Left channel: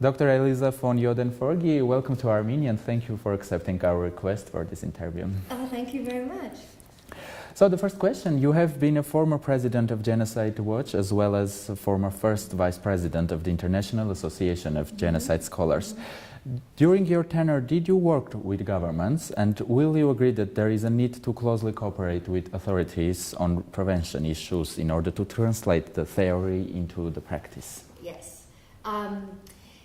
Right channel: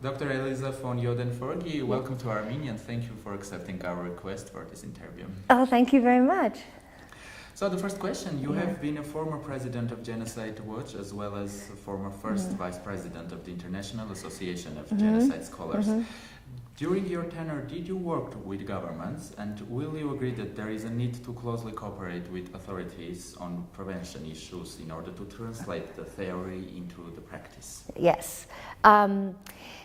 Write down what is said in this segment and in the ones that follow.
Dr. Elisa von Joeden-Forgey, welcome to Armenia and thank you for accepting our request for this interview. Oh, thank you very much. So the first question, you have been a former president of Genocide Watch as well as a former first vice president of the International Association of Genocide Scholars. During your tenure, did you work with governments, and will you agree that there is a need to closely cooperate with authorities on prevention issues in order to translate the theory into the practice? Yes.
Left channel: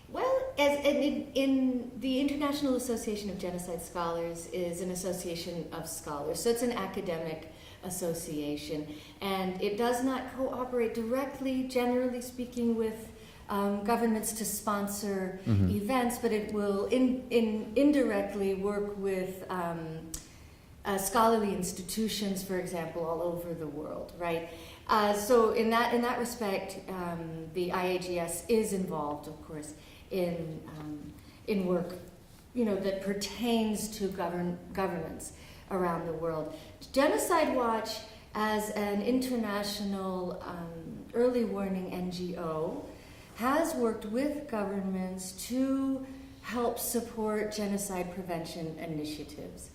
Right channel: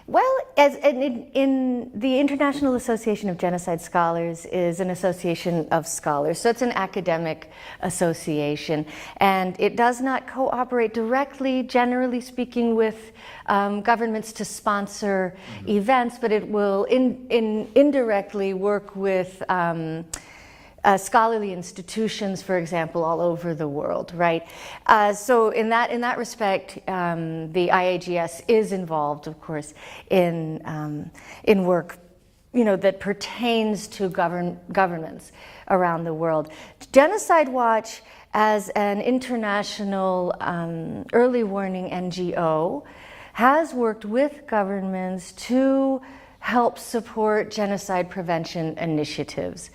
Well, as in the International Association of Genocide Scholars is an association of scholars, so it's an academic association, and it does not cooperate directly, generally speaking, with governments to sponsor events, but it will indirectly work with scholarly institutions, for example, all over the world, right? So in that respect, the IAGS is involved, of course, in work, that pertains to governments around the world. Genocide Watch, as an international early warning NGO, has worked with governments to help support genocide prevention initiatives.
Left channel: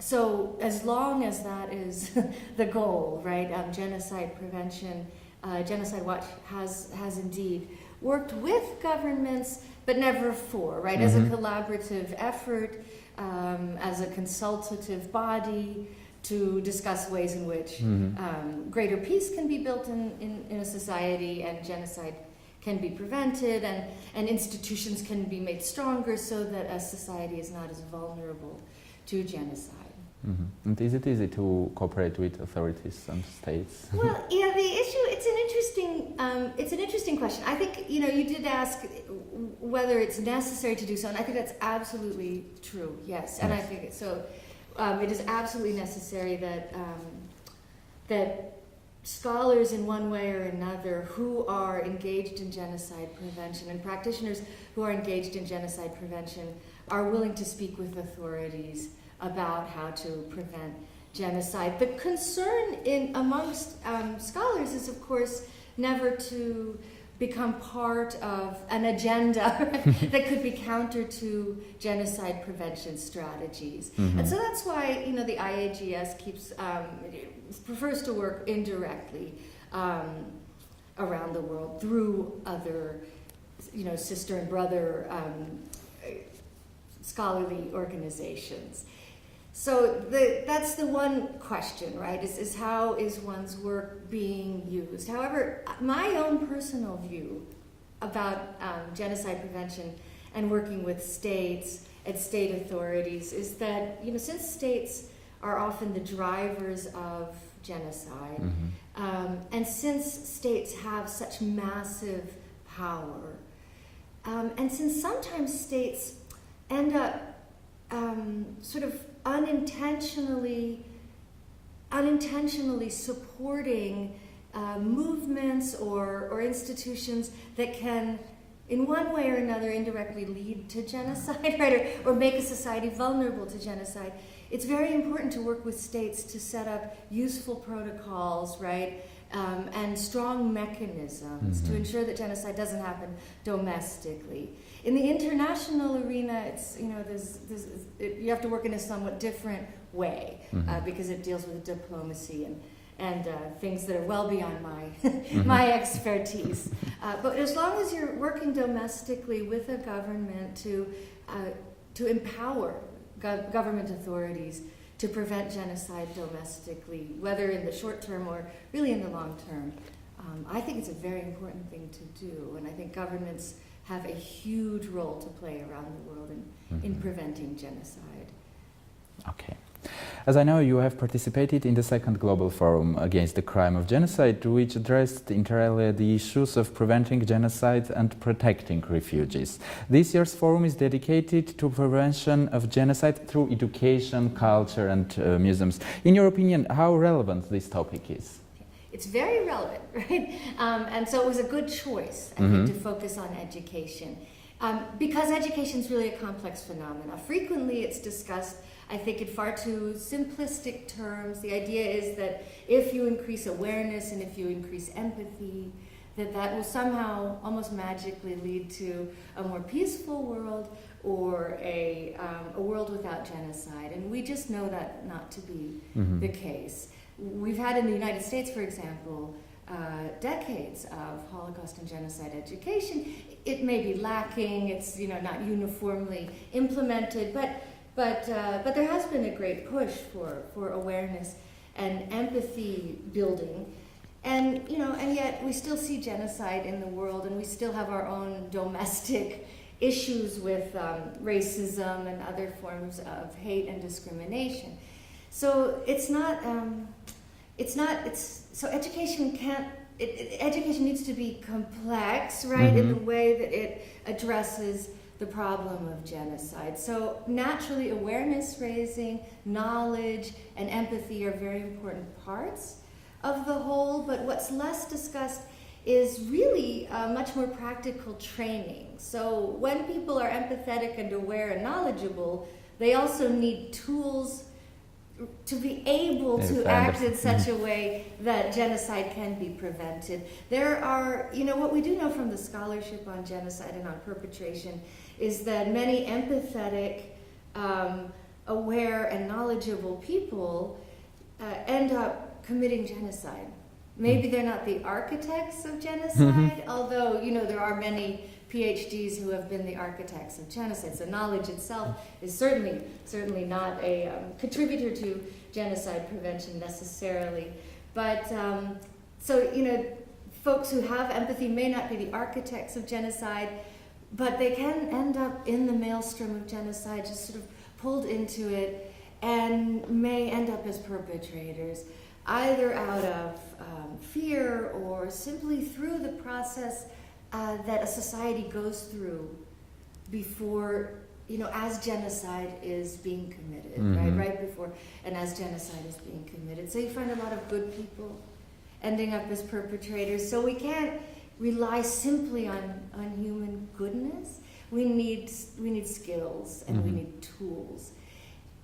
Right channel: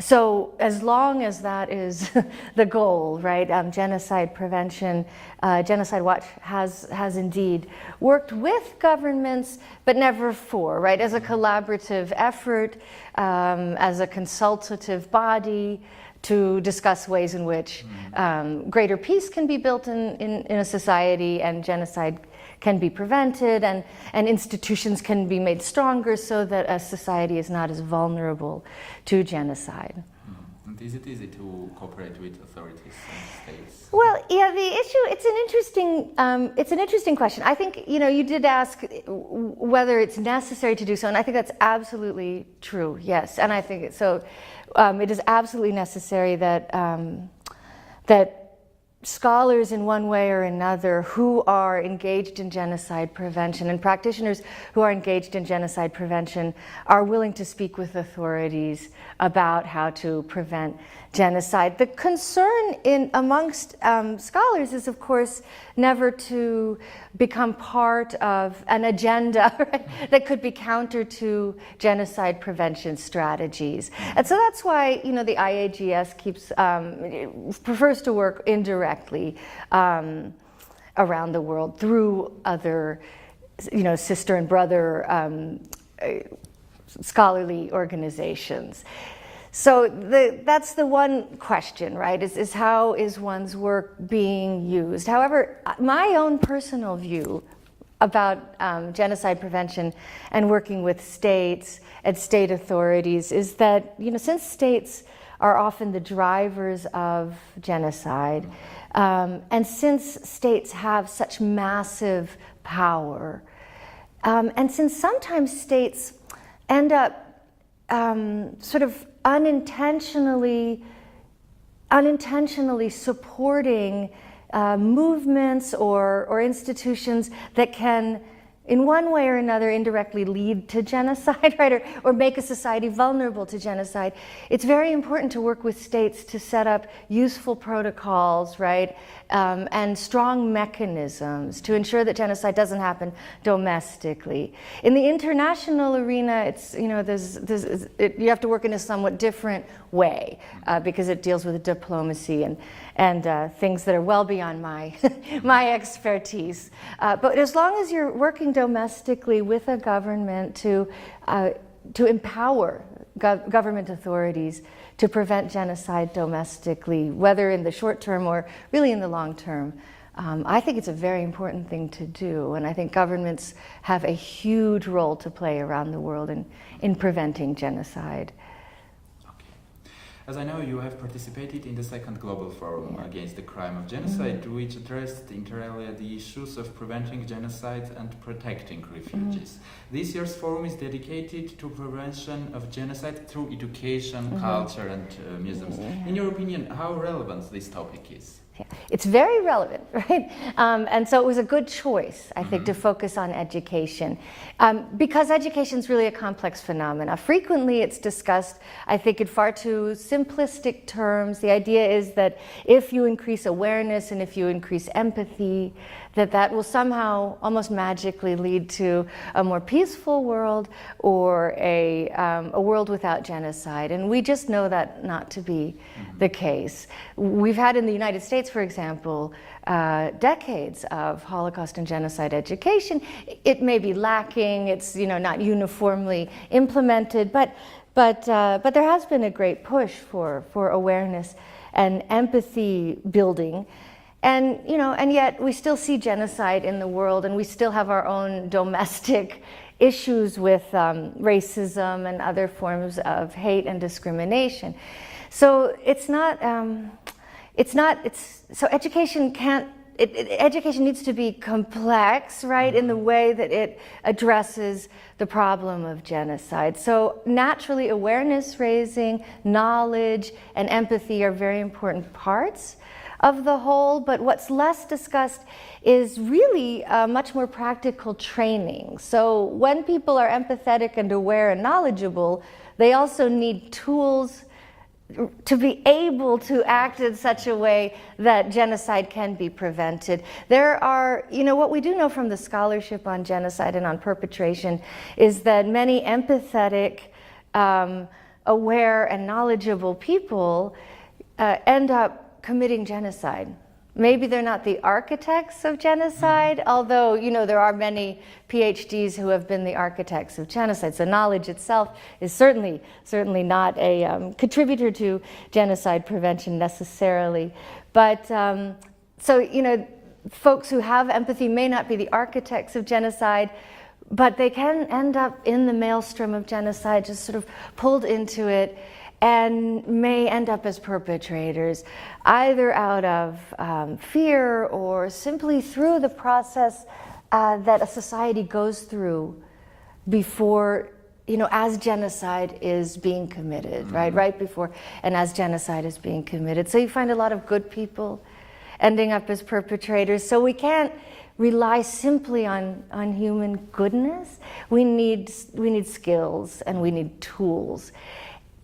So as long as that is the goal, right, genocide prevention, Genocide Watch has indeed worked with governments, but never for, right, as a collaborative effort, as a consultative body to discuss ways in which greater peace can be built in a society and genocide can be prevented and institutions can be made stronger so that a society is not as vulnerable to genocide. And is it easy to cooperate with authorities and states? Well, yeah, the issue, it's an interesting question. I think, you did ask whether it's necessary to do so, and I think that's absolutely true, yes. And I think so. It is absolutely necessary that that scholars in one way or another who are engaged in genocide prevention and practitioners who are engaged in genocide prevention are willing to speak with authorities about how to prevent genocide. The concern amongst scholars is, of course, never to become part of an agenda, right, that could be counter to genocide prevention strategies. And so that's why, the IAGS prefers to work indirectly around the world through other, sister and brother scholarly organizations. So that's the one question, right, is how is one's work being used? However, my own personal view about genocide prevention and working with states and state authorities is that, since states are often the drivers of genocide, and since states have such massive power, and since sometimes states end up sort of unintentionally supporting movements or institutions that can, in one way or another, indirectly lead to genocide, right, or make a society vulnerable to genocide. It's very important to work with states to set up useful protocols, right, and strong mechanisms to ensure that genocide doesn't happen domestically. In the international arena, it's, you have to work in a somewhat different way because it deals with diplomacy and things that are well beyond my my expertise. But as long as you're working domestically with a government to empower government authorities to prevent genocide domestically, whether in the short term or really in the long term, I think it's a very important thing to do. And I think governments have a huge role to play around the world in preventing genocide. Okay. As I know, you have participated in the second Global Forum Against the Crime of Genocide, which addressed entirely the issues of preventing genocide and protecting refugees. This year's forum is dedicated to prevention of genocide through education, culture and museums. In your opinion, how relevant this topic is? Yeah. It's very relevant, right? And so it was a good choice, I think, to focus on education. Because education is really a complex phenomena. Frequently it's discussed, I think, in far too simplistic terms. The idea is that if you increase awareness and if you increase empathy, that will somehow almost magically lead to a more peaceful world or a world without genocide. And we just know that not to be the case. We've had in the United States, for example, decades of Holocaust and genocide education. It may be lacking, it's not uniformly implemented, but there has been a great push for awareness and empathy building. And yet we still see genocide in the world, and we still have our own domestic issues with racism and other forms of hate and discrimination. So education education needs to be complex, right, in the way that it addresses the problem of genocide. So naturally, awareness raising, knowledge, and empathy are very important parts of the whole, but what's less discussed is really much more practical training. So when people are empathetic and aware and knowledgeable, they also need tools to be able to act in such a way that genocide can be prevented. There are, what we do know from the scholarship on genocide and on perpetration is that many empathetic, aware, and knowledgeable people end up committing genocide. Maybe they're not the architects of genocide, although, there are many PhDs who have been the architects of genocide. So knowledge itself is certainly not a contributor to genocide prevention necessarily. But folks who have empathy may not be the architects of genocide, but they can end up in the maelstrom of genocide, just sort of pulled into it, and may end up as perpetrators, either out of fear or simply through the process that a society goes through before, as genocide is being committed, right before and as genocide is being committed. So you find a lot of good people ending up as perpetrators. So we can't rely simply on human goodness. We need skills and we need tools.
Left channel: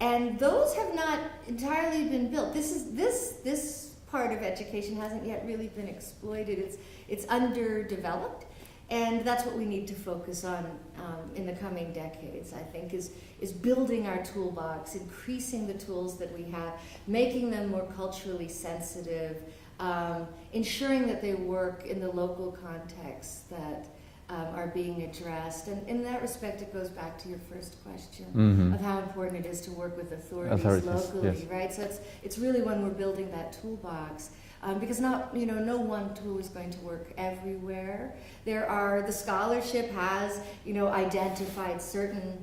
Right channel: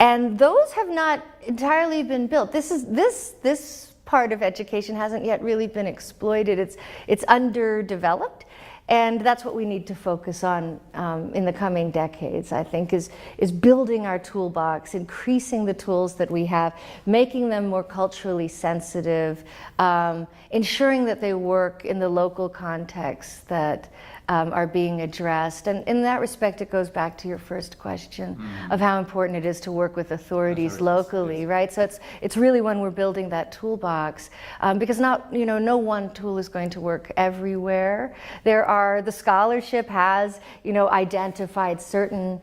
And those have not entirely been built. This part of education hasn't yet really been exploited. It's underdeveloped, and that's what we need to focus on in the coming decades, I think, is building our toolbox, increasing the tools that we have, making them more culturally sensitive, ensuring that they work in the local context that are being addressed. And in that respect, it goes back to your first question of how important it is to work with authorities locally, yes. Right? So it's really when we're building that toolbox, because no one tool is going to work everywhere. The scholarship has, identified certain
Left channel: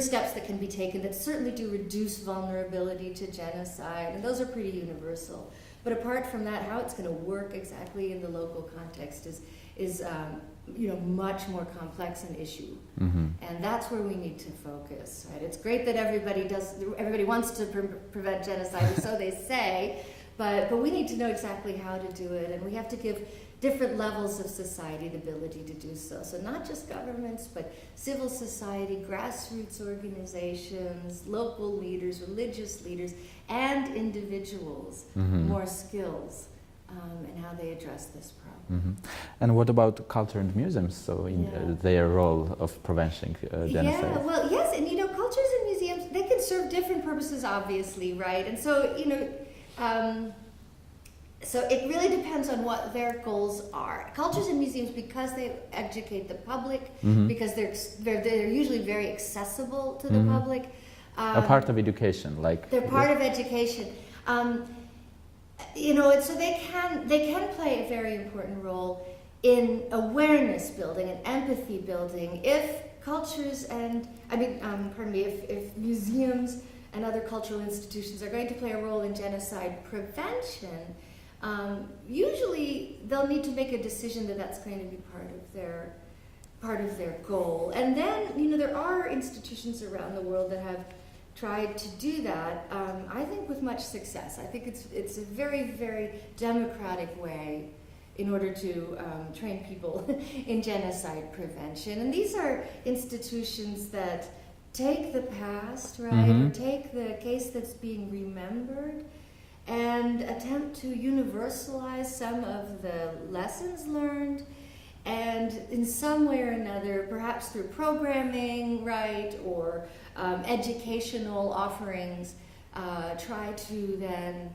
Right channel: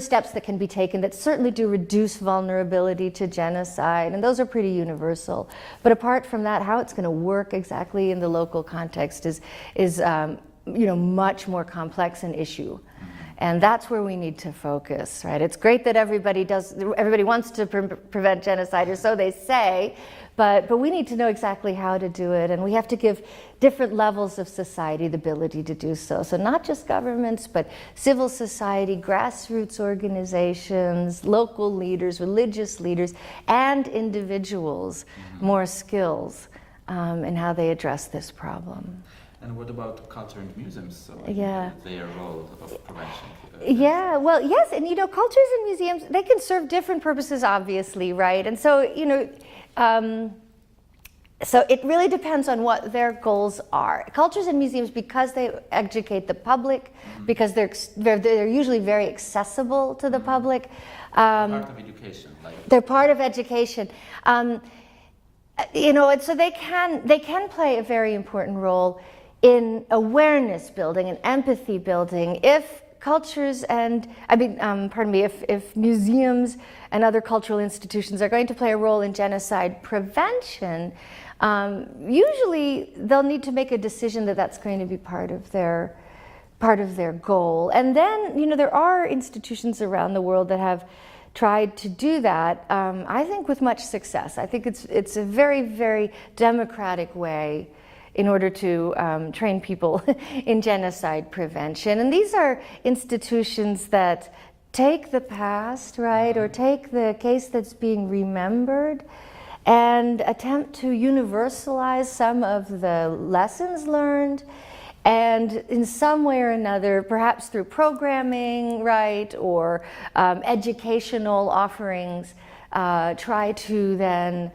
steps that can be taken that certainly do reduce vulnerability to genocide, and those are pretty universal. But apart from that, how it's going to work exactly in the local context is much more complex an issue, and that's where we need to focus. Right? It's great that everybody wants to prevent genocide, or so they say, but we need to know exactly how to do it, and we have to give different levels of society the ability to do so. So not just governments, but civil society, grassroots organizations, local leaders, religious leaders, and individuals more skills in how they address this problem. And what about culture and museums? So their role of prevention genocide? Yeah, well, yes, and cultures and museums, they can serve different purposes, obviously, right? And so, so it really depends on what their goals are. Cultures and museums, because they educate the public, because they're usually very accessible to the public. A part of education, they're part of education. And so they can play a very important role in awareness building and empathy building. If cultures and if museums and other cultural institutions are going to play a role in genocide prevention, usually they'll need to make a decision that that's going to be part of their goal. And then, there are institutions around the world that have tried to do that, I think with much success. I think it's a very, very democratic way in order to train people in genocide prevention. And these are institutions that take the past, right, or take the case that's being remembered and attempt to universalize some of the lessons learned, and in some way or another, perhaps through programming, right, or educational offerings, try to then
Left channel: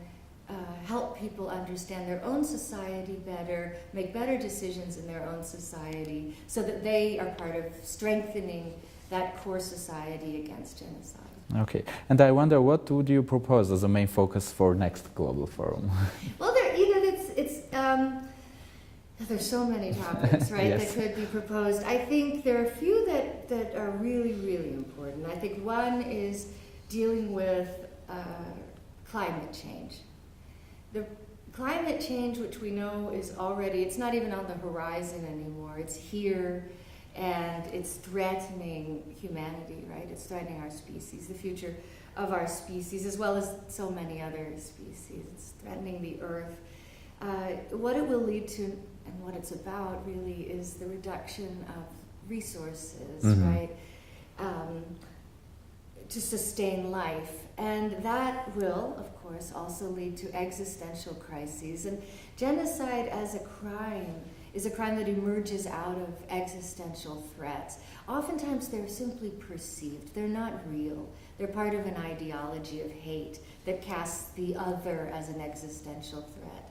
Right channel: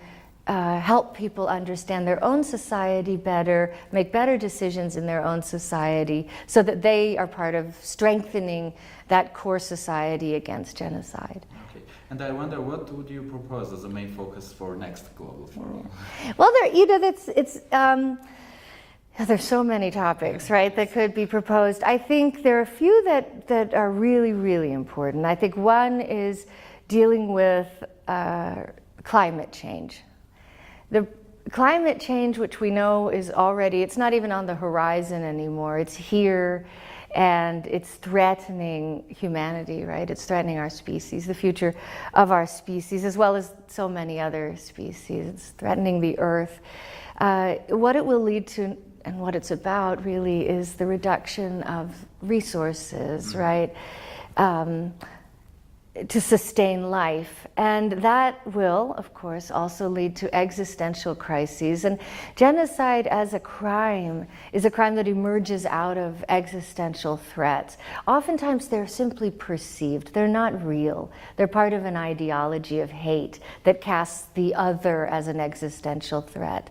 help people understand their own society better, make better decisions in their own society, so that they are part of strengthening that core society against genocide. Okay, and I wonder, what would you propose as a main focus for next Global Forum? Well, there's so many topics, right, Yes. that could be proposed. I think there are a few that are really, really important. I think one is dealing with climate change. The climate change, which we know is already, it's not even on the horizon anymore, it's here, and it's threatening humanity, right? It's threatening our species, the future of our species, as well as so many other species. It's threatening the earth. What it will lead to, and what it's about really, is the reduction of resources, right, to sustain life. And that will, of course, also lead to existential crises. And genocide as a crime is a crime that emerges out of existential threats. Oftentimes they're simply perceived, they're not real. They're part of an ideology of hate that casts the other as an existential threat.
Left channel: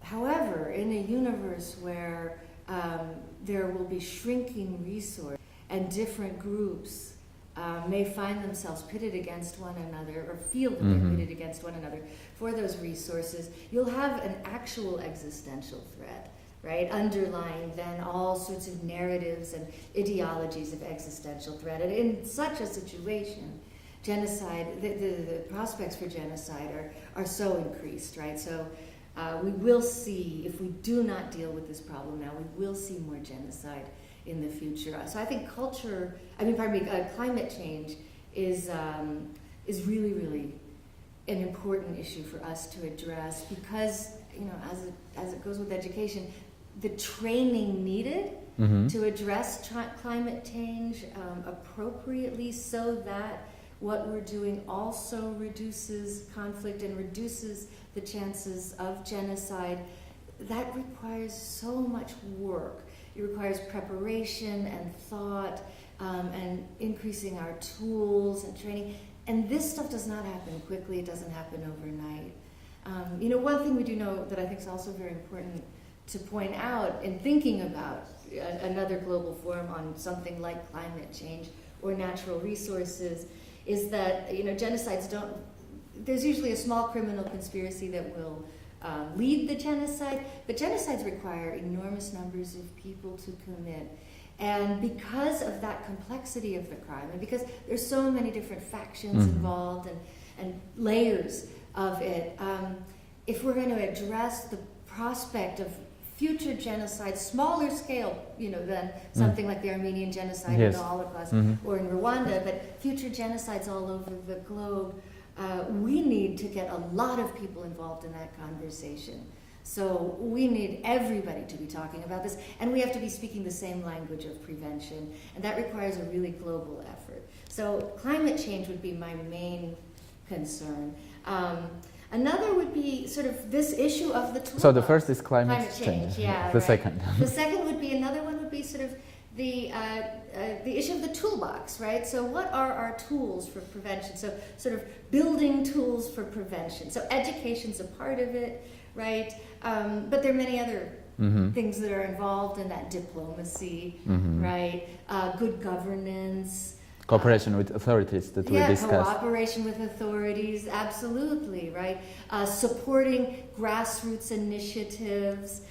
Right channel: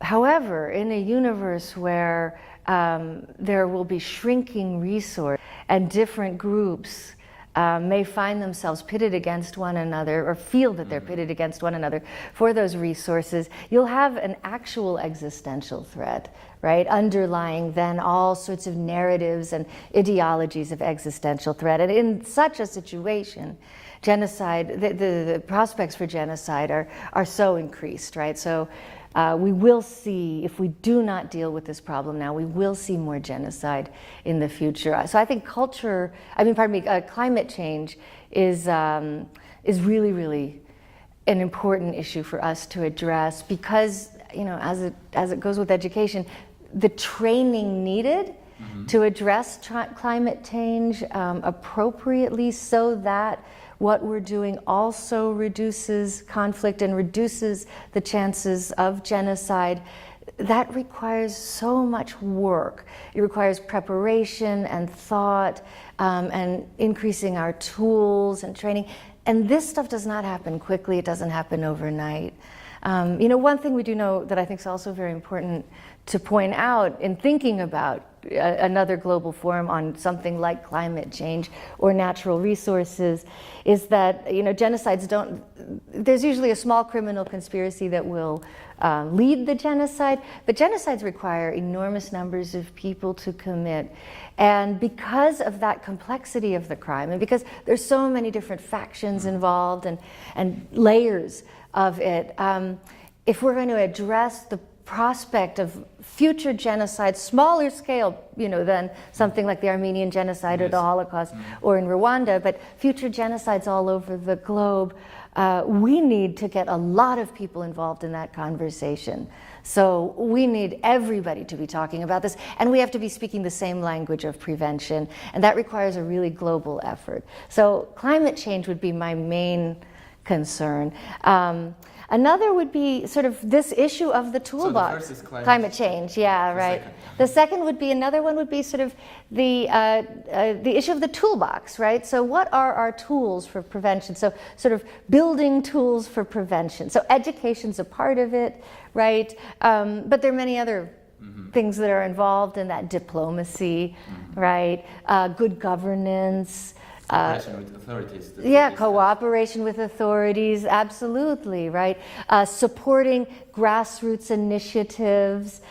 However, in a universe where there will be shrinking resources and different groups may find themselves pitted against one another, or feel that they're pitted against one another for those resources, you'll have an actual existential threat, right, underlying then all sorts of narratives and ideologies of existential threat. And in such a situation, genocide, the prospects for genocide are so increased, right? So we will see, if we do not deal with this problem now, we will see more genocide in the future. So I think climate change is really, really an important issue for us to address, because, you know, as it goes with education, the training needed to address climate change appropriately, so that what we're doing also reduces conflict and reduces the chances of genocide, that requires so much work. It requires preparation and thought, and increasing our tools and training. And this stuff does not happen quickly. It doesn't happen overnight. You know, one thing we do know that I think is also very important to point out in thinking about another global forum on something like climate change or natural resources is that, you know, there's usually a small criminal conspiracy that will lead the genocide, but genocides require enormous numbers of people to commit. And because of that complexity of the crime, and because there's so many different factions involved and layers of it, if we're going to address the prospect of future genocide, smaller scale, you know, than something like the Armenian genocide or the Holocaust or in Rwanda, but future genocides all over the globe, we need to get a lot of people involved in that conversation. So we need everybody to be talking about this, and we have to be speaking the same language of prevention, and that requires a really global effort. So climate change would be my main concern. Another would be sort of this issue of the toolbox. So the first is climate change, yeah, the right. Second. The second would be, another one would be sort of the issue of the toolbox, right? So what are our tools for prevention? So sort of building tools for prevention. So education's a part of it, right? But there are many other things that are involved in that: diplomacy, right? Good governance. Cooperation with authorities. That Yeah, we discussed. cooperation with authorities, absolutely, right? Supporting grassroots initiatives,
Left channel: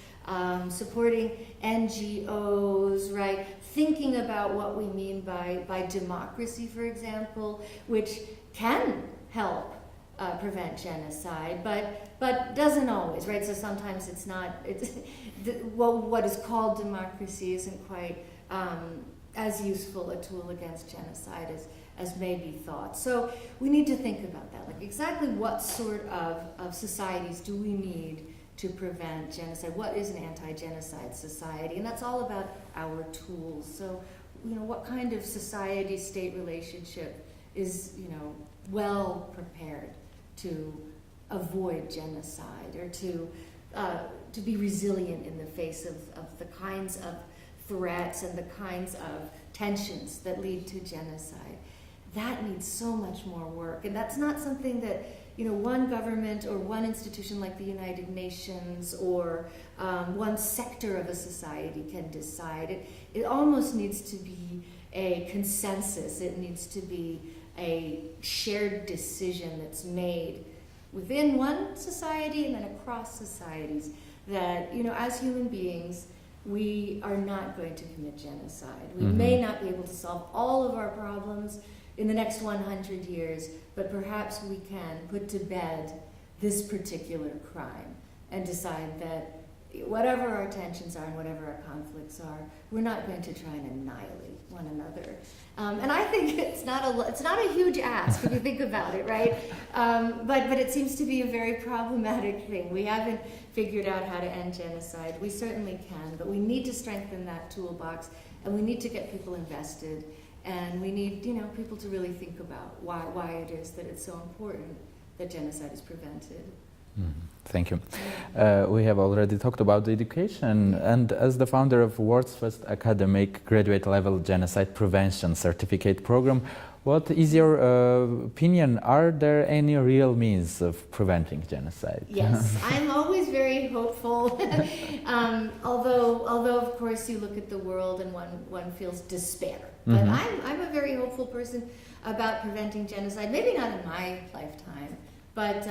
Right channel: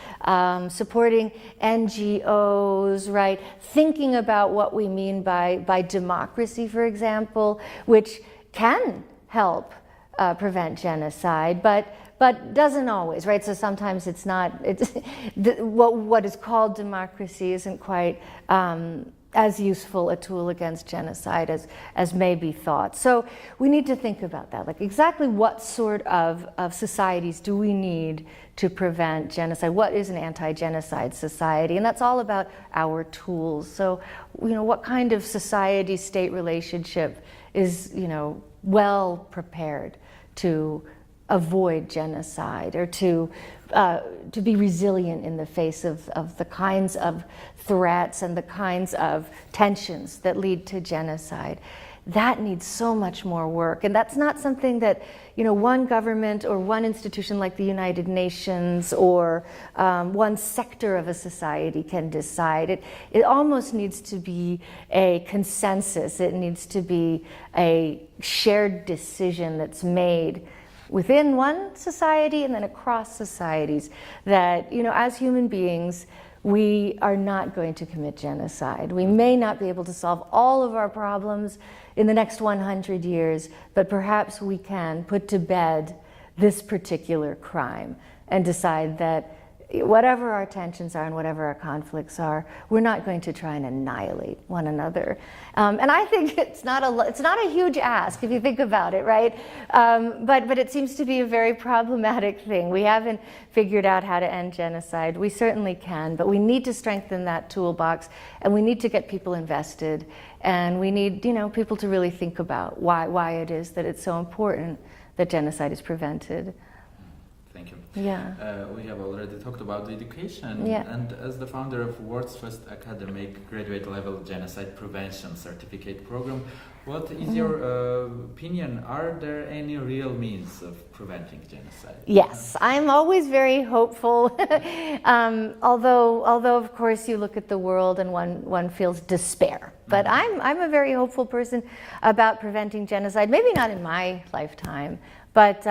supporting NGOs, right? Thinking about what we mean by democracy, for example, which can help prevent genocide, but doesn't always, right? So sometimes it's not, what is called democracy isn't quite as useful a tool against genocide as may be thought. So we need to think about that, like exactly what sort of societies do we need to prevent genocide? What is an anti-genocide society? And that's all about our tools. So, you know, what kind of society-state relationship is, you know, well prepared to avoid genocide or to be resilient in the face of the kinds of threats and the kinds of tensions that lead to genocide. That needs so much more work, and that's not something that one government or one institution like the United Nations or one sector of a society can decide. It almost needs to be a consensus. It needs to be a shared decision that's made within one society and then across societies that, as human beings, we are not going to commit genocide. We may not be able to solve all of our problems in the next 100 years, but perhaps we can put to bed this particular crime and decide that whatever our tensions are and whatever our conflicts are, we're not going to try and annihilate one another. And I think it's not a huge ask if you think about it, right? But it seems to be a very problematic thing. We haven't figured out how to end genocide. We certainly can, but we need to strengthen that toolbox, and we need to get people invested, and we need people to really think about why it is that it's so important that genocide is prevented. Thank you. Yeah. We have already talked about the education, and as the founder of world's first academic graduate level genocide prevention certificate program, what is your opinion? Are there any real means of preventing genocide? Yes, I'm always very hopeful. Although of course you look at the world and one feels despair. But I'm a very hopeful person about preventing genocide. Maybe not in my lifetime, but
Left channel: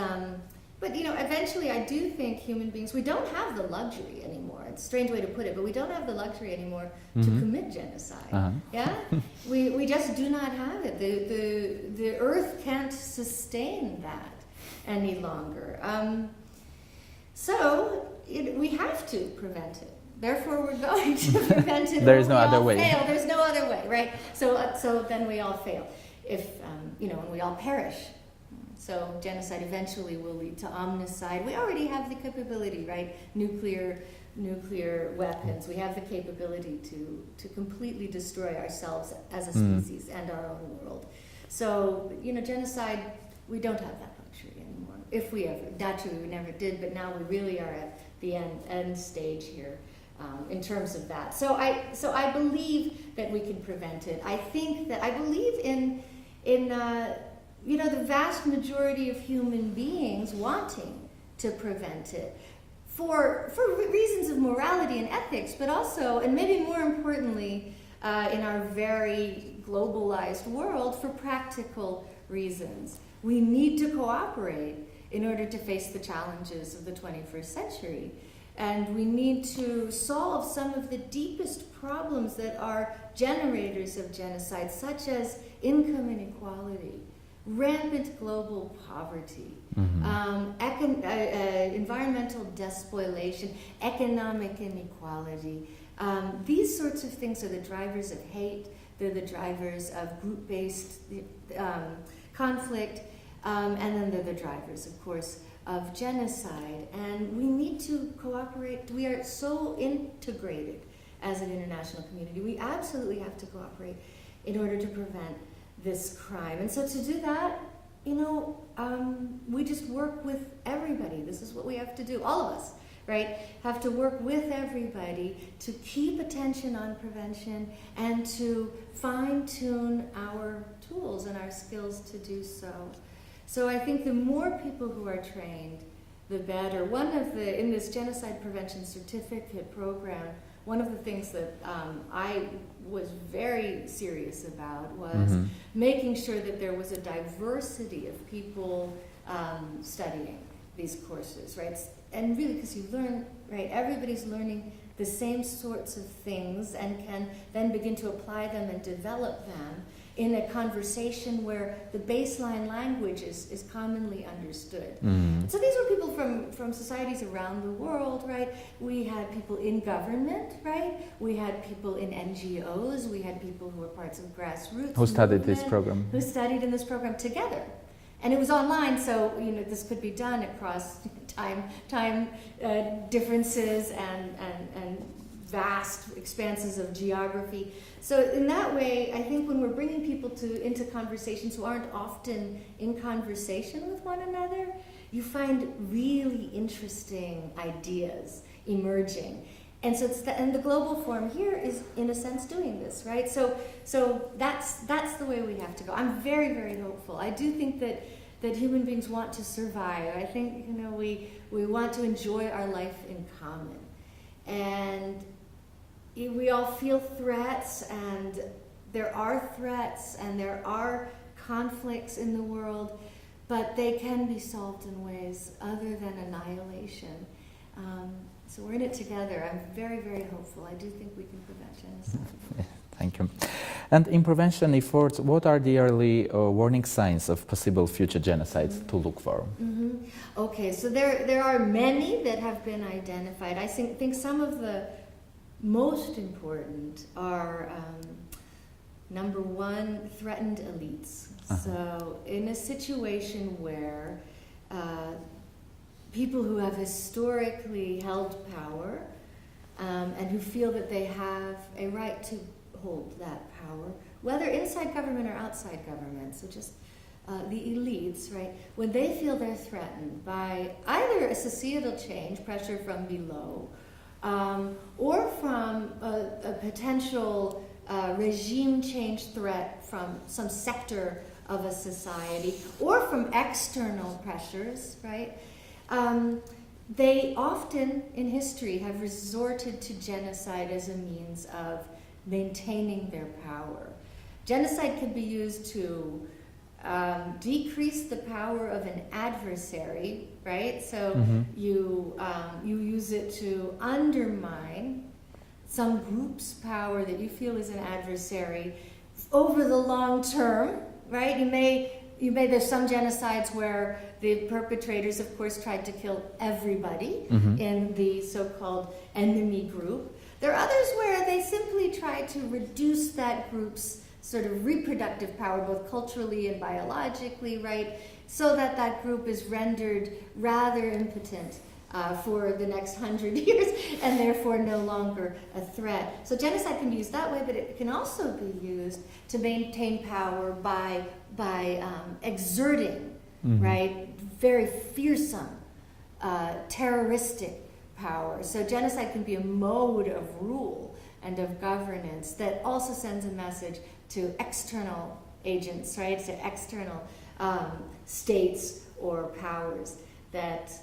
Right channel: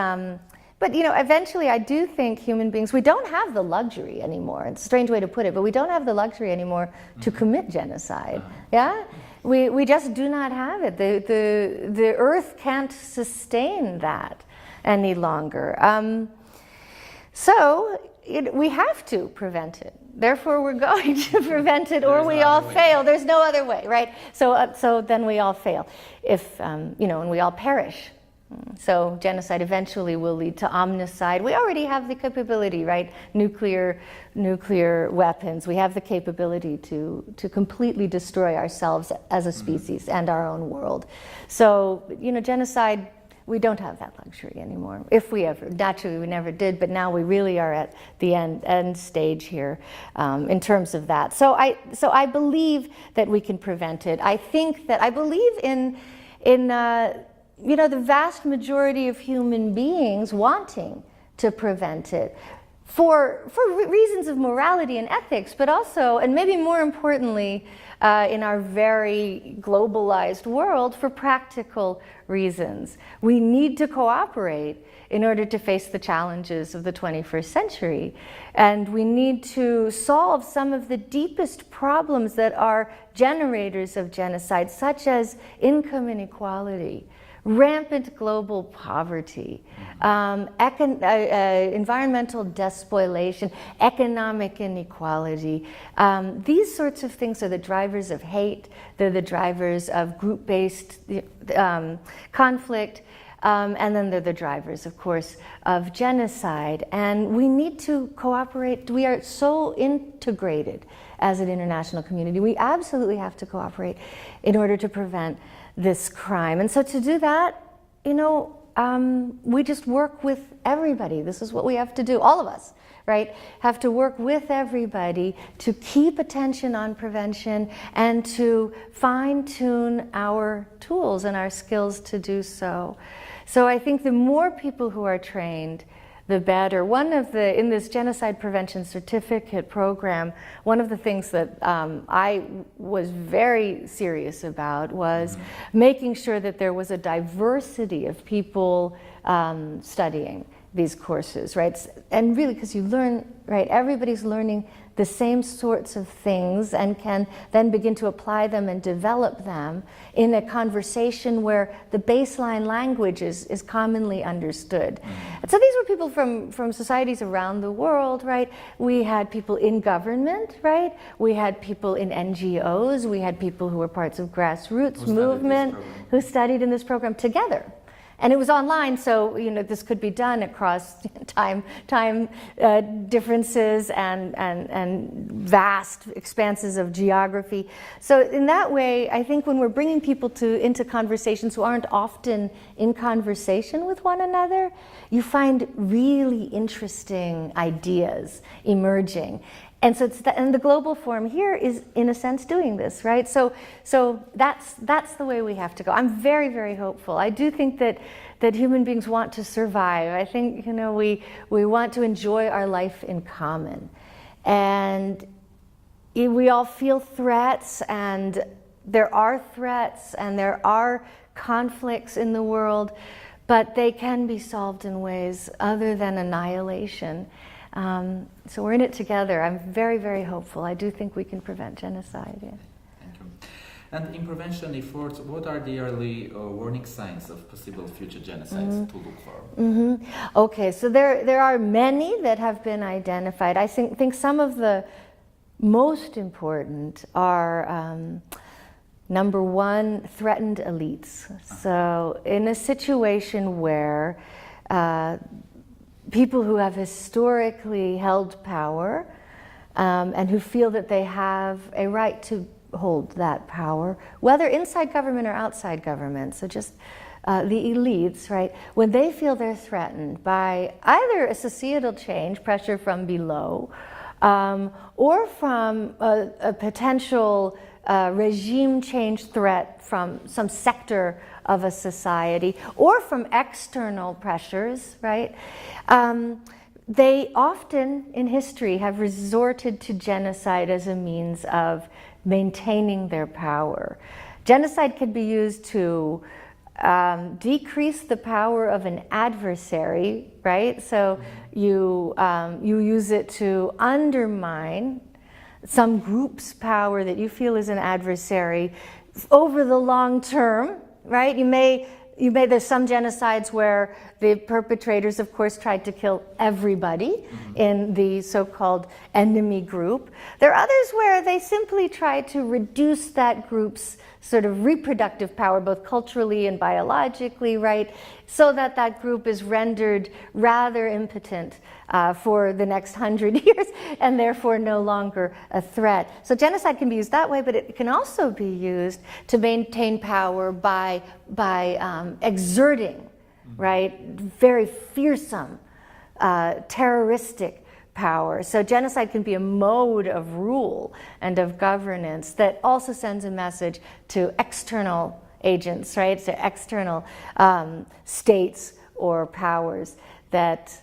eventually I do think human beings, we don't have the luxury anymore. It's a strange way to put it, but we don't have the luxury anymore to commit genocide. Yeah? We just do not have it. The earth can't sustain that any longer. So we have to prevent it. Therefore, we're going to prevent it, or we all fail. There's no other way, right? So then we all fail, and we all perish. So genocide eventually will lead to omnicide. We already have the capability, right? Nuclear weapons. We have the capability to completely destroy ourselves as a species and our own world. So, genocide, we don't have that luxury anymore. If we ever, naturally we never did, but now we really are at the end stage here in terms of that. So I believe that we can prevent it. I believe in the vast majority of human beings wanting to prevent it for reasons of morality and ethics, but also, and maybe more importantly, in our very globalized world, for practical reasons. We need to cooperate in order to face the challenges of the 21st century. And we need to solve some of the deepest problems that are generators of genocide, such as income inequality, rampant global poverty, environmental despoilation, economic inequality. These sorts of things are the drivers of hate. They're the drivers of group-based conflict. And then they're the drivers, of course, of genocide. And we need to cooperate. We are so integrated as an international community. We absolutely have to cooperate in order to prevent this crime. And so to do that, we just work with everybody. This is what we have to do, all of us, right? Have to work with everybody to keep attention on prevention and to fine-tune our tools and our skills to do so. So I think the more people who are trained, the better. In this genocide prevention certificate program, one of the things that I was very serious about was making sure that there was a diversity of people studying these courses, right? And really, because you learn, right, everybody's learning the same sorts of things and can then begin to apply them and develop them in a conversation where the baseline language is commonly understood. And so these were people from societies around the world, right? We had people in government, right? We had people in NGOs. We had people who were parts of grassroots movement who studied in this program together. And it was online, so this could be done across time differences and vast expanses of geography. So in that way, I think when we're bringing people into conversations who aren't often in conversation with one another, you find really interesting ideas emerging. And so and the Global Forum here is, in a sense, doing this, right? So that's the way we have to go. I'm very, very hopeful. I do think that human beings want to survive. I think we want to enjoy our life in common, and we all feel threats, and there are threats, and there are conflicts in the world, but they can be solved in ways other than annihilation. So we're in it together. I'm very, very hopeful. I do think we can prevent genocide. Yeah. Thank you. And in prevention efforts, what are the early warning signs of possible future genocides to look for? Okay, so there are many that have been identified. I think some of the most important are, number one, threatened elites. So in a situation where people who have historically held power and who feel that they have a right to hold that power, whether inside government or outside government, so just the elites, right? When they feel they're threatened by either a societal change, pressure from below, or from a potential regime change threat from some sector of a society, or from external pressures, right? They often, in history, have resorted to genocide as a means of maintaining their power. Genocide can be used to decrease the power of an adversary, right? So you use it to undermine some group's power that you feel is an adversary over the long term, right? There's some genocides where the perpetrators, of course, tried to kill everybody in the so-called enemy group. There are others where they simply try to reduce that group's sort of reproductive power, both culturally and biologically, right? So that that group is rendered rather impotent for the next 100 years, and therefore no longer a threat. So genocide can be used that way, but it can also be used to maintain power by exerting, right, very fearsome, terroristic power. So genocide can be a mode of rule and of governance that also sends a message to external agents, right, to external states or powers that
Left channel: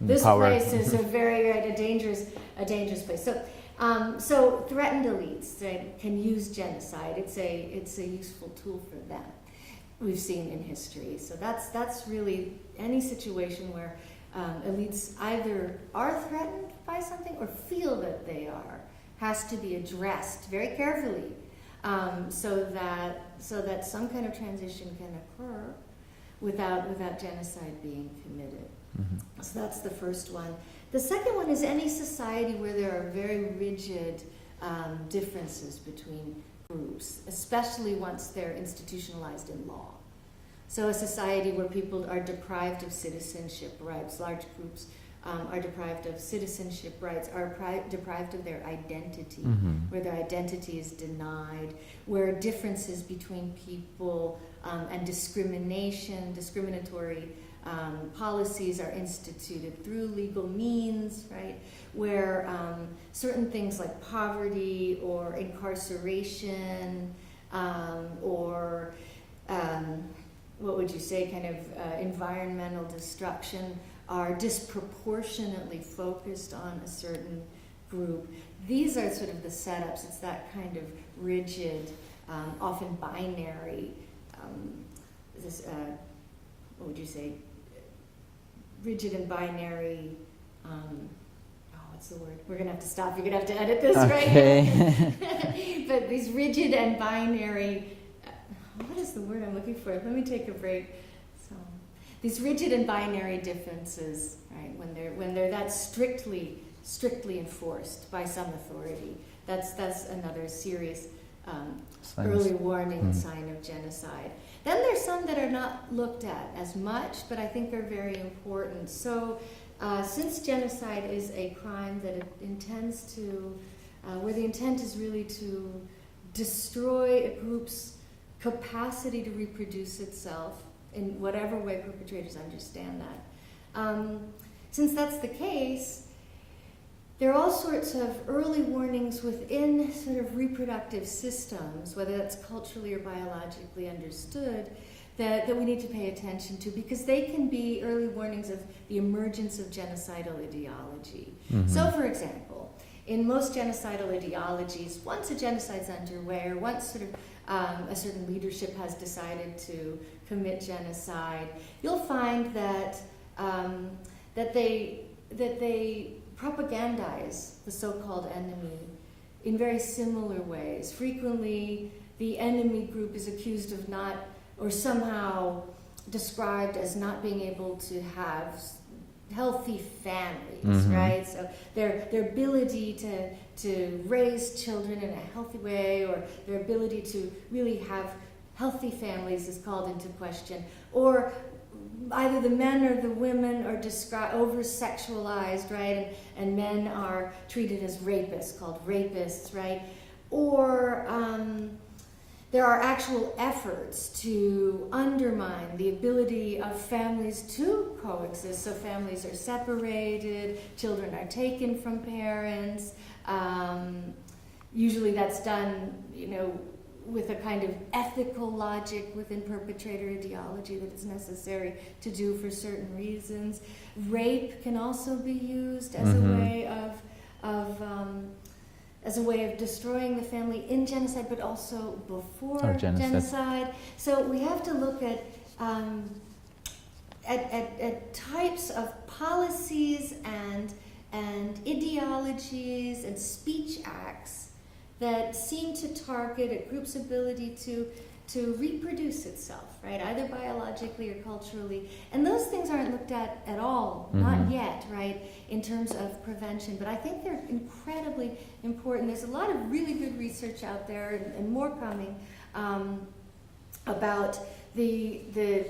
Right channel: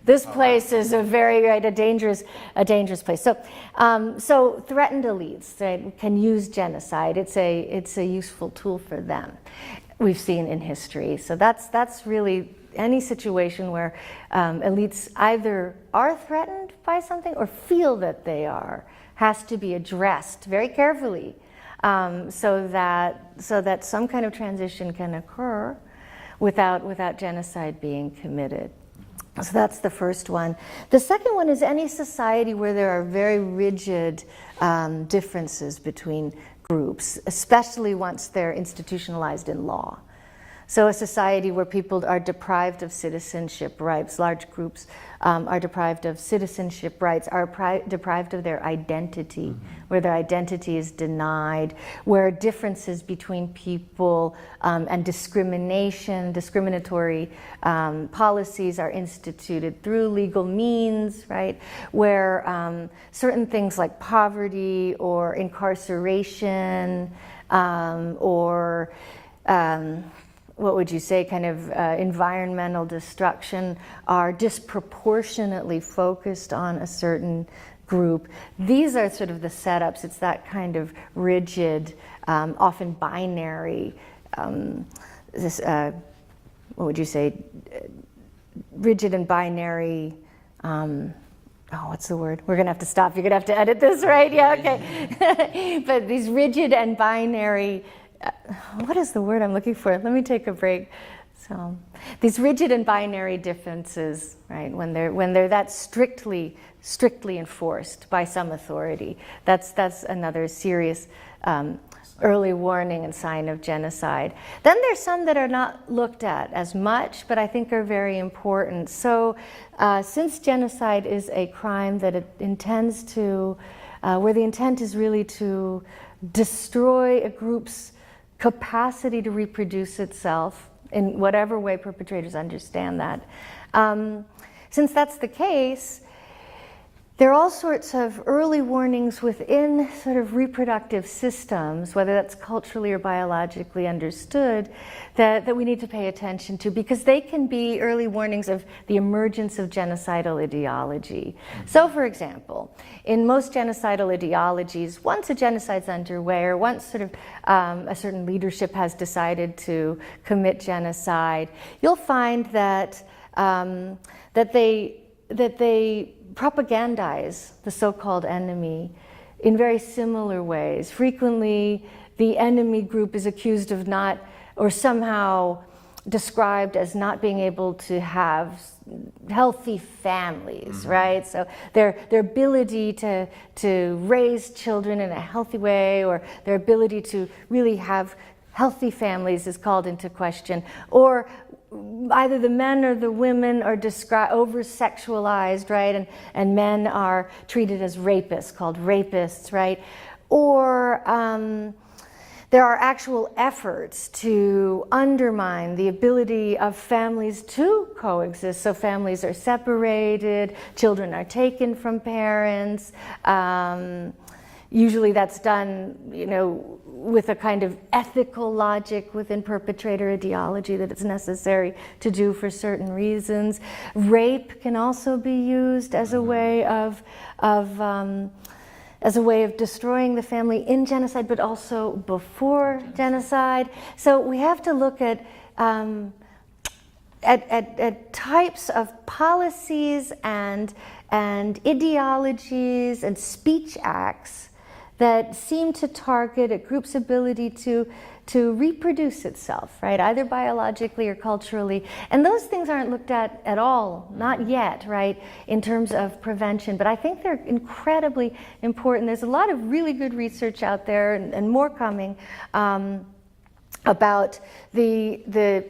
this place is a very a dangerous place. So threatened elites, right, can use genocide. It's a useful tool for them. We've seen in history. So that's really any situation where elites either are threatened by something or feel that they are has to be addressed very carefully, so that some kind of transition can occur without genocide being committed. So that's the first one. The second one is any society where there are very rigid differences between groups, especially once they're institutionalized in law. So a society where people are deprived of citizenship rights, large groups are deprived of citizenship rights, are deprived of their identity, where their identity is denied, where differences between people and discriminatory policies are instituted through legal means, right? Where certain things like poverty or incarceration or what would you say, kind of environmental destruction are disproportionately focused on a certain group. These are sort of the setups. It's that kind of rigid, often binary, what would you say, rigid and binary, what's the word? We're going to have to stop. You're going to have to edit this, right? Yeah, okay. But these rigid and binary, what is the word I'm looking for? Let me take a break. So these rigid and binary differences, right? When they're that strictly enforced by some authority, that's another serious early warning and sign of genocide. Then there's some that are not looked at as much, but I think are very important. So since genocide is a crime that it intends to, where the intent is really to destroy a group's capacity to reproduce itself in whatever way perpetrators understand that. Since that's the case, there are all sorts of early warnings within sort of reproductive systems, whether that's culturally or biologically understood, that we need to pay attention to, because they can be early warnings of the emergence of genocidal ideology. So, for example, in most genocidal ideologies, once a genocide's underway, or once sort of a certain leadership has decided to commit genocide, you'll find that that they propagandize the so-called enemy in very similar ways. Frequently, the enemy group is accused of not, or somehow described as not being able to have healthy families, right? So their ability to raise children in a healthy way, or their ability to really have healthy families, is called into question. Or either the men or the women are over-sexualized, right? And men are treated as rapists, called rapists, right? Or there are actual efforts to undermine the ability of families to coexist. So families are separated, children are taken from parents. Usually that's done, with a kind of ethical logic within perpetrator ideology that it's necessary to do for certain reasons. Rape can also be used as a way of destroying the family in genocide, but also before genocide. So we have to look at types of policies and ideologies and speech acts that seem to target a group's ability to reproduce itself, right? Either biologically or culturally. And those things aren't looked at all, not yet, right, in terms of prevention. But I think they're incredibly important. There's a lot of really good research out there, and more coming, about the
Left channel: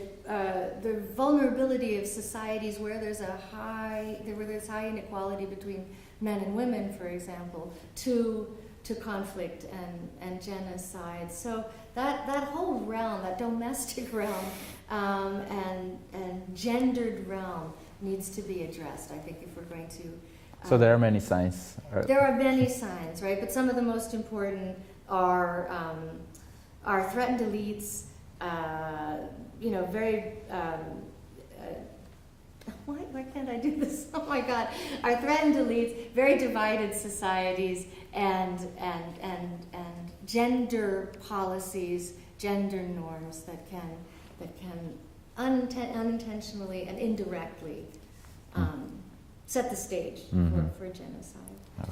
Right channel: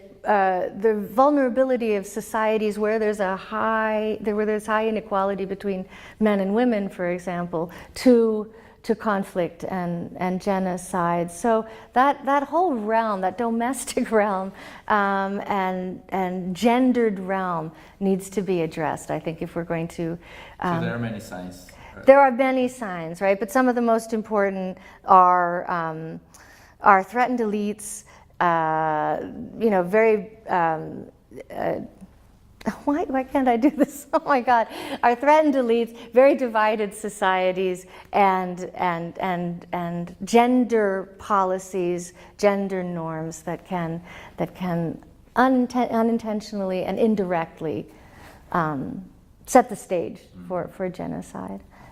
vulnerability of societies where there's high inequality between men and women, for example, to conflict and genocide. So that whole realm, that domestic realm and gendered realm, needs to be addressed, I think, if we're going to... so there are many signs. There are many signs, right? But some of the most important are threatened elites, very... why can't I do this? Oh my God! Our threatened elites, very divided societies, and gender policies, gender norms that can unintentionally and indirectly set the stage for genocide. Okay.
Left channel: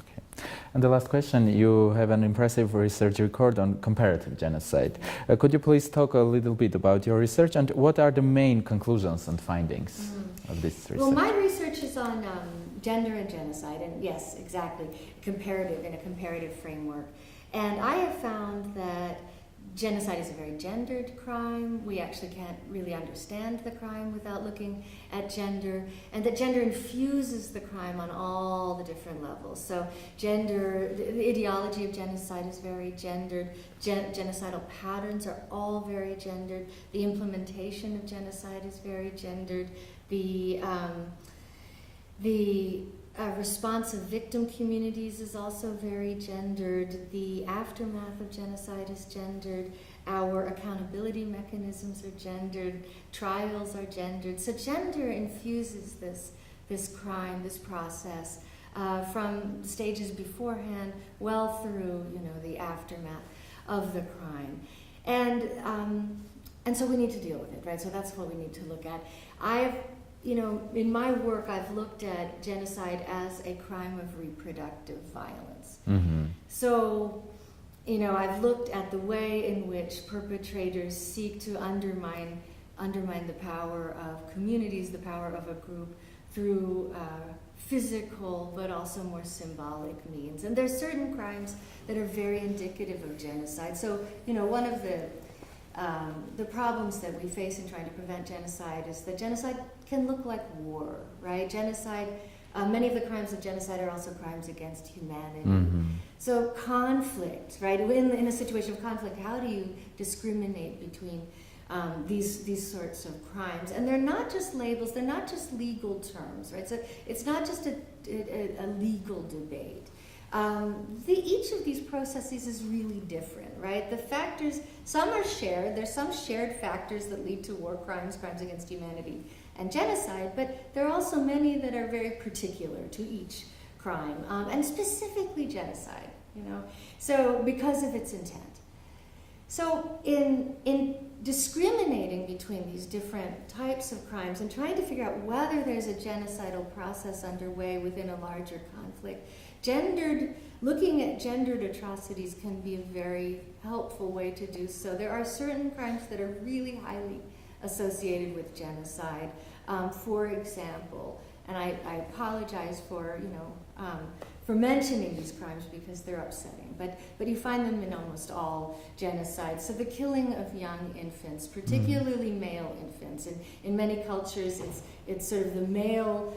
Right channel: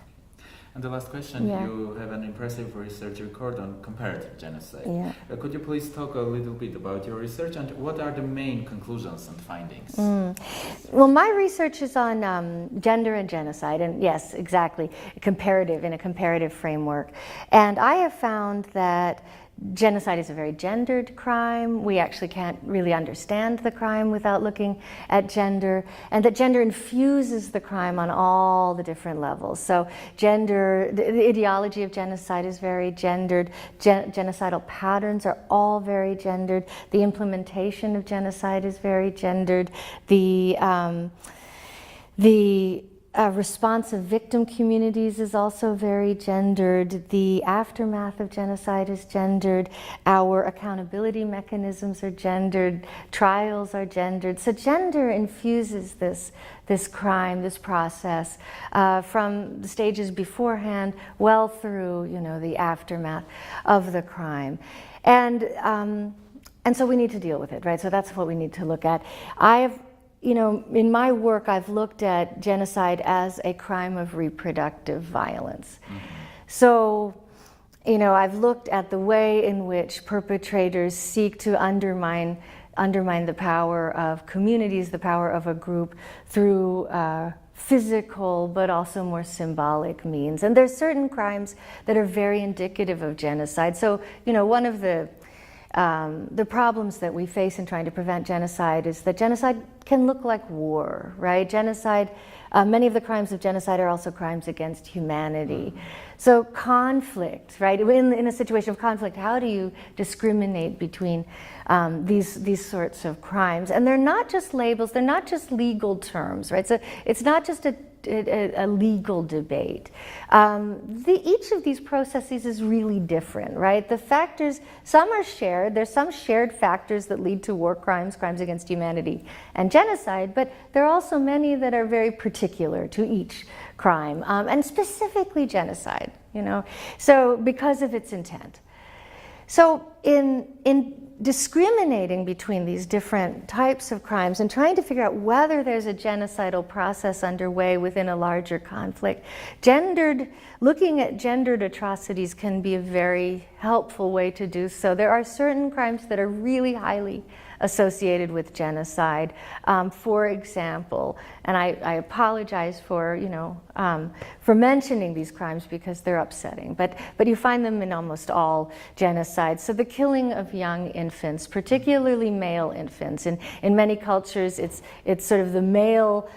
And the last question, you have an impressive research record on comparative genocide. Yeah. Could you please talk a little bit about your research and what are the main conclusions and findings of this research? Well, my research is on gender and genocide, and yes, exactly, in a comparative framework. And I have found that genocide is a very gendered crime. We actually can't really understand the crime without looking at gender, and that gender infuses the crime on all the different levels. So the ideology of genocide is very gendered. Genocidal patterns are all very gendered. The implementation of genocide is very gendered. The response of victim communities is also very gendered. The aftermath of genocide is gendered. Our accountability mechanisms are gendered. Trials are gendered. So gender infuses this crime, this process, from the stages beforehand, well through the aftermath of the crime, and so we need to deal with it, right? So that's what we need to look at. In my work, I've looked at genocide as a crime of reproductive violence. So, I've looked at the way in which perpetrators seek to undermine the power of communities, the power of a group, through physical but also more symbolic means. And there's certain crimes that are very indicative of genocide. So, you know, one of the problems that we face in trying to prevent genocide is that genocide can look like war, right? Genocide, many of the crimes of genocide are also crimes against humanity. Mm-hmm. So conflict, right? In a situation of conflict, how do you discriminate between these sorts of crimes? And they're not just labels, they're not just legal terms, right? So it's not just a legal debate. Each of these processes is really different, right? The factors, some are shared. There's some shared factors that lead to war crimes, crimes against humanity, and genocide, but there are also many that are very particular to each crime, and specifically genocide, you know, so because of its intent. So in discriminating between these different types of crimes and trying to figure out whether there's a genocidal process underway within a larger conflict, looking at gendered atrocities can be a very helpful way to do so. There are certain crimes that are really highly associated with genocide. For example, and I apologize for, you know, for mentioning these crimes because they're upsetting, but you find them in almost all genocides. So the killing of young infants, particularly male infants, in many cultures it's sort of the male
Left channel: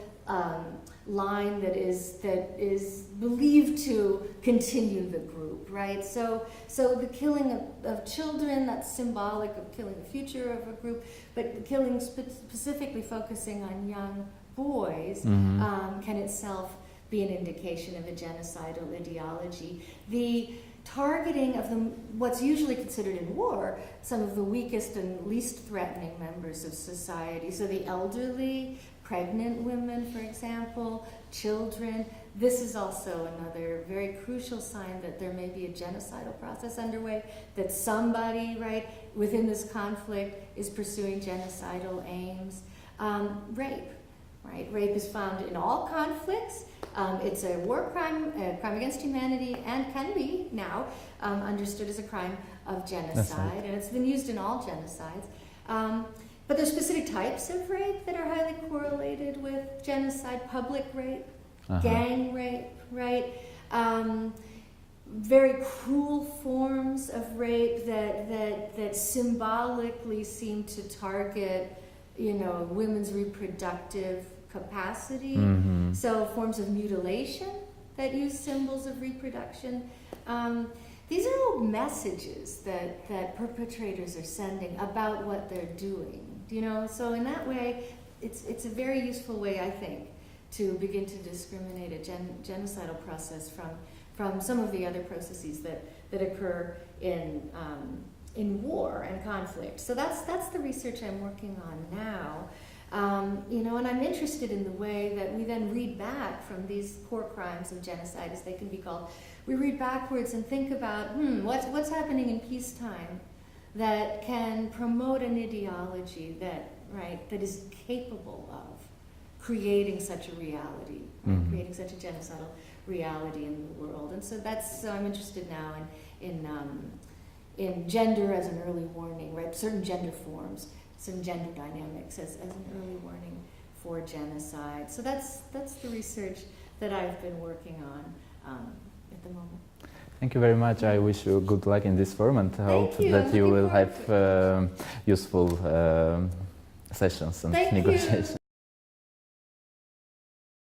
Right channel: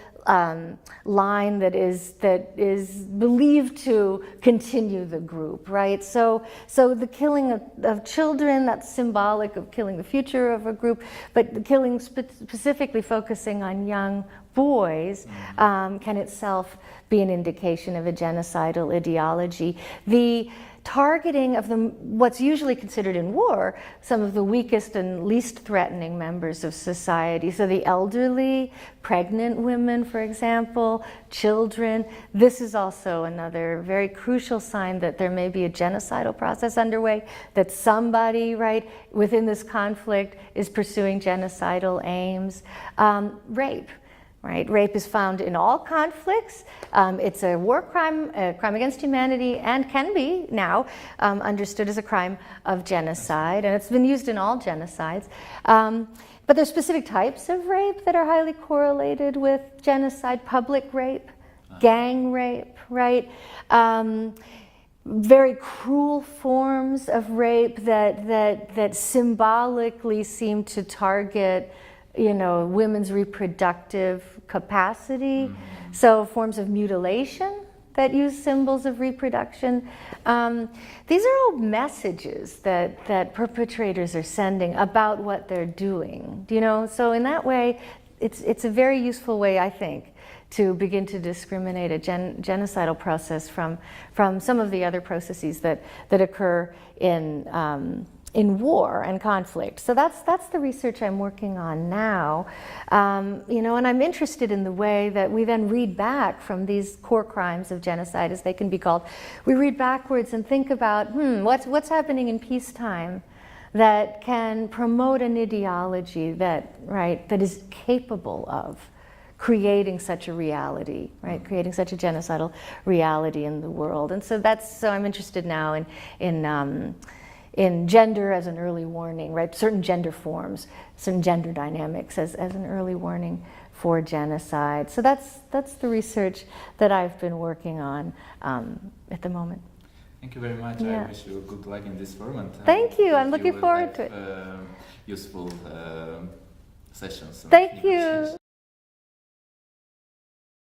line that is believed to continue the group, right? So the killing of children, that's symbolic of killing the future of a group, but the killing specifically focusing on young boys can itself be an indication of a genocidal ideology. The targeting of what's usually considered in war, some of the weakest and least threatening members of society. So the elderly, pregnant women, for example, children. This is also another very crucial sign that there may be a genocidal process underway, that somebody, right, within this conflict is pursuing genocidal aims. Rape. Right? Rape is found in all conflicts. It's a war crime, a crime against humanity, and can be now understood as a crime of genocide. And it's been used in all genocides. But there's specific types of rape that are highly correlated with genocide: public rape, gang rape, right? Very cruel forms of rape that symbolically seem to target, you know, women's reproductive capacity. So forms of mutilation that use symbols of reproduction. These are all messages that perpetrators are sending about what they're doing, you know? So in that way, it's a very useful way, I think, to begin to discriminate a genocidal process from some of the other processes that occur in war and conflict. So that's the research I'm working on now. You know, and I'm interested in the way that we then read back from these core crimes of genocide, as they can be called. We read backwards and think about, what's happening in peacetime that can promote an ideology that is capable of creating such a reality, right? Creating such a genocidal reality in the world. And so I'm interested now in gender as an early warning, right? Certain gender forms, certain gender dynamics as an early warning for genocide. So that's the research that I've been working on at the moment. Thank you very much. Yeah. I wish you good luck in this forum, and Thank hope you. that I'm looking you will forward have to it. useful sessions and Thank negotiations. you.